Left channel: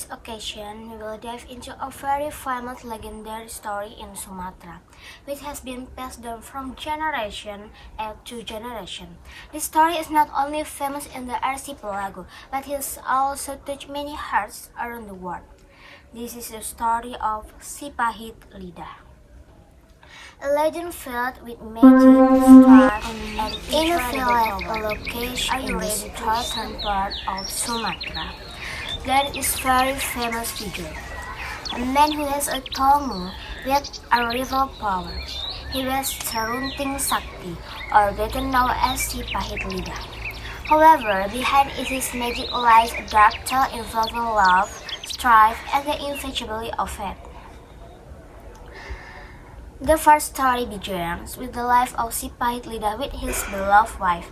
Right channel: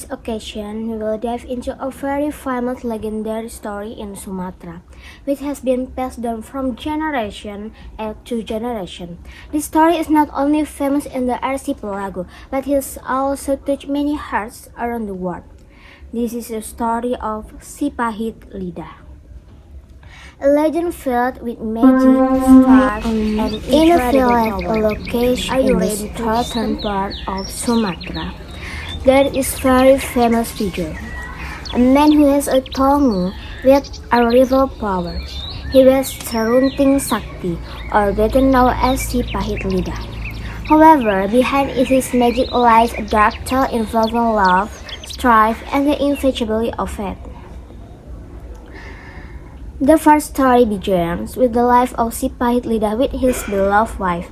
this occasion, we will dive into a very famous legendary story in Sumatra, which has been passed down from generation to generation. This story is not only famous in the archipelago, but has also touched many hearts around the world. This is the story of Sipahit Lidah. A legend filled with magic, stars, and in a village location in the southern part of Sumatra. There is very famous figure, a man who has a tongue with a rival power. He was Serunting Sakti, or better known as Sipahit Lidah. However, behind his magic lies a dark tale involving love, strife, and the inevitability of fate. The first story begins with the life of Sipahit Lidah with his beloved wife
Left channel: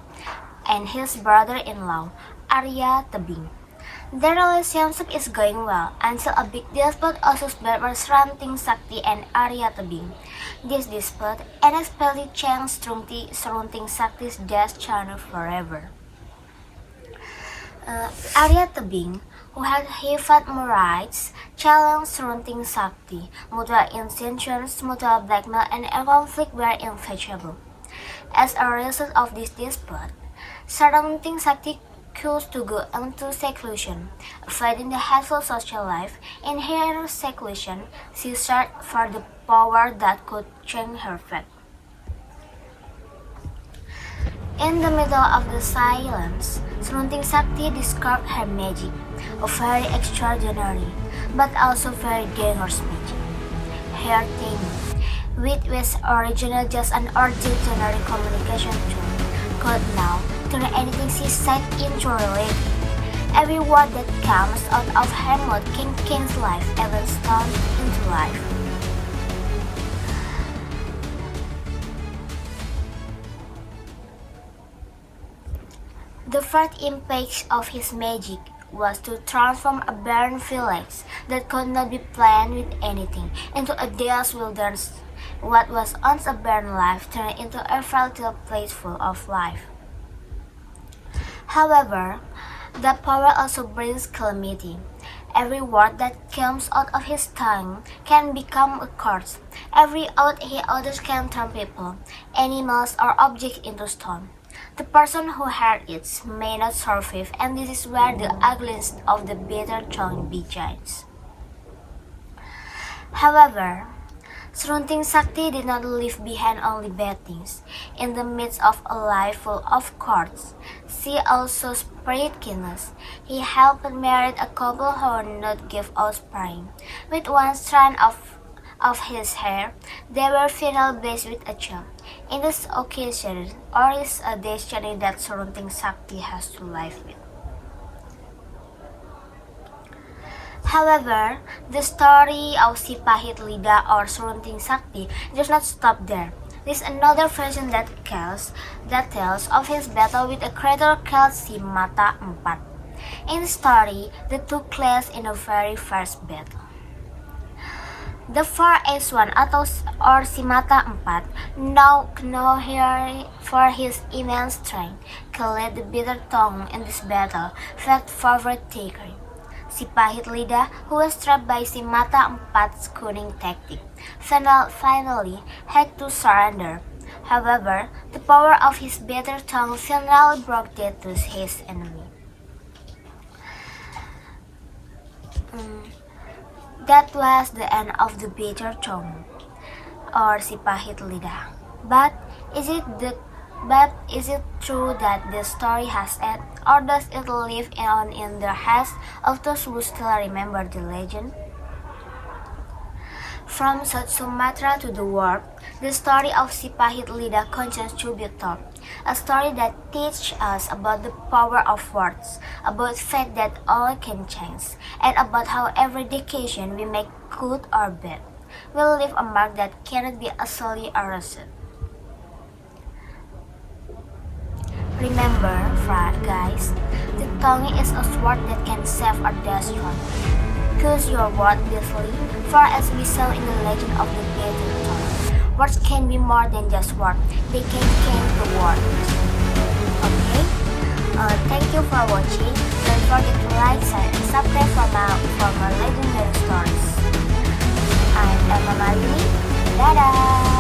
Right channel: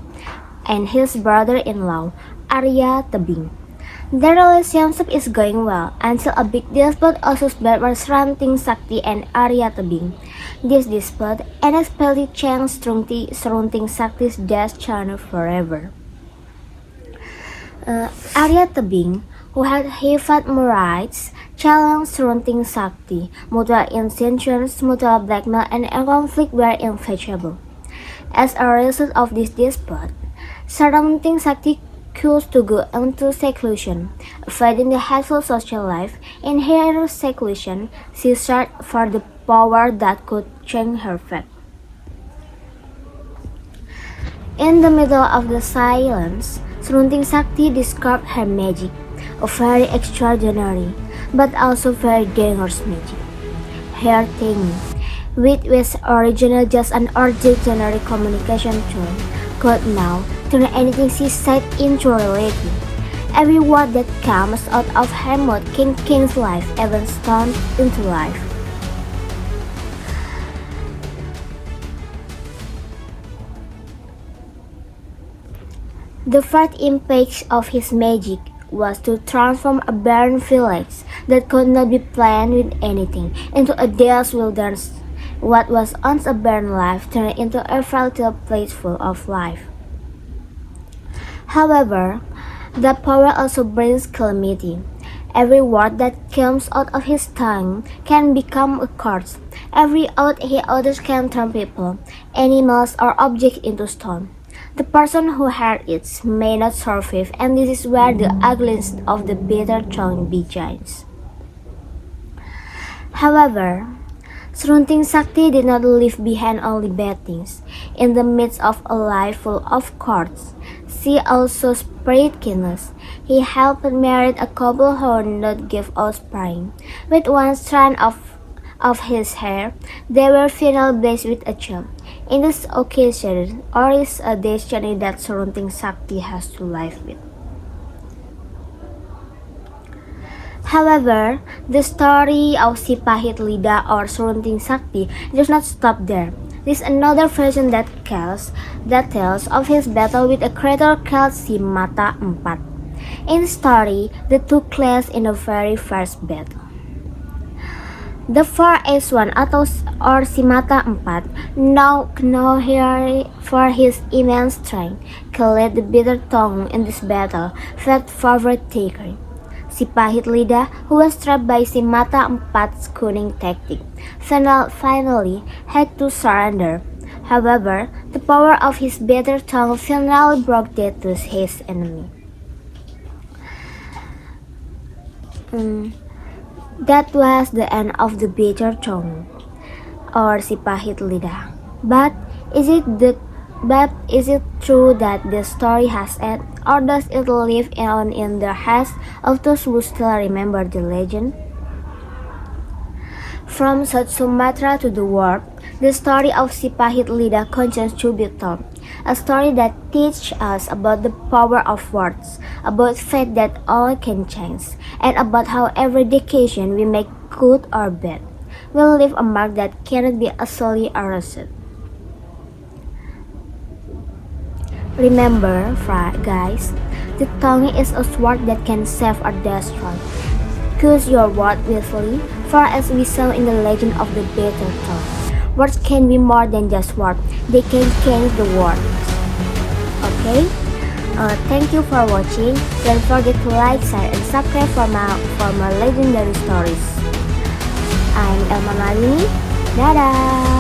and his brother-in-law, Arya Tebing. Their relationship is going well until a big dispute also between Serunting Sakti and Arya Tebing. This dispute unexpectedly changed Serunting Sakti's destiny forever. Arya Tebing, who had heavy rights, challenged Serunting Sakti. Mutual intentions, mutual blackmail, and a conflict were inevitable. As a result of this dispute, Serunting Sakti chose to go into seclusion, avoiding the hateful social life. In her seclusion, she searched for the power that could change her fate. In the middle of the silence, Serunting Sakti discovered her magic, a very extraordinary, but also very dangerous magic. Her tongue, which was originally just an ordinary communication tool, could now turn anything she said into reality. Every word that comes out of her mouth can change life, even stone into life. The first impact of his magic was to transform a barren village that could not be planned with anything into a dense wilderness. What was once a barren life turned into a fertile place full of life. However, that power also brings calamity. Every word that comes out of his tongue can become a curse. Every oath he utters can turn people, animals, or objects into stone. The person who heard it may not survive, and this is where the ugliness of the bitter tongue begins. However, Serunting Sakti did not leave behind only bad things. In the midst of a life full of courts, she also spread kindness. He helped marry a couple who did not give offspring. With one strand of his hair, they were finally blessed with a child. In this occasion, or is a destiny that Serunting Sakti has to live with. However, the story of Sipahit Lidah or Serunting Sakti does not stop there. There is another version that tells of his battle with a creature called Simata Empat. In the story, the two clashed in the very first battle. The first one, or Simata Empat, known here for his immense strength, killed the bitter tongue in this battle, felt favorite taker. Sipahit Lidah, who was trapped by Simata Empat's cunning tactic, finally had to surrender. However, the power of his bitter tongue finally broke death to his enemy. That was the end of the bitter tongue, or Sipahit Lidah. But is it true that the story has ended, or does it live on in the hearts of those who still remember the legend? From South Sumatra to the world, the story of Sipahit Lidah continues to be told. A story that teaches us about the power of words, about fate that all can change, and about how every decision we make, good or bad, will leave a mark that cannot be easily erased. Remember, guys, the tongue is a sword that can save or destroy. Choose your word wisely, for as we saw in the legend of the bitter tongue, words can be more than just words, they can change the world. Okay? Thank you for watching. Don't forget to like, share, and subscribe for more legendary stories. I'm Elma Malini. Dadah!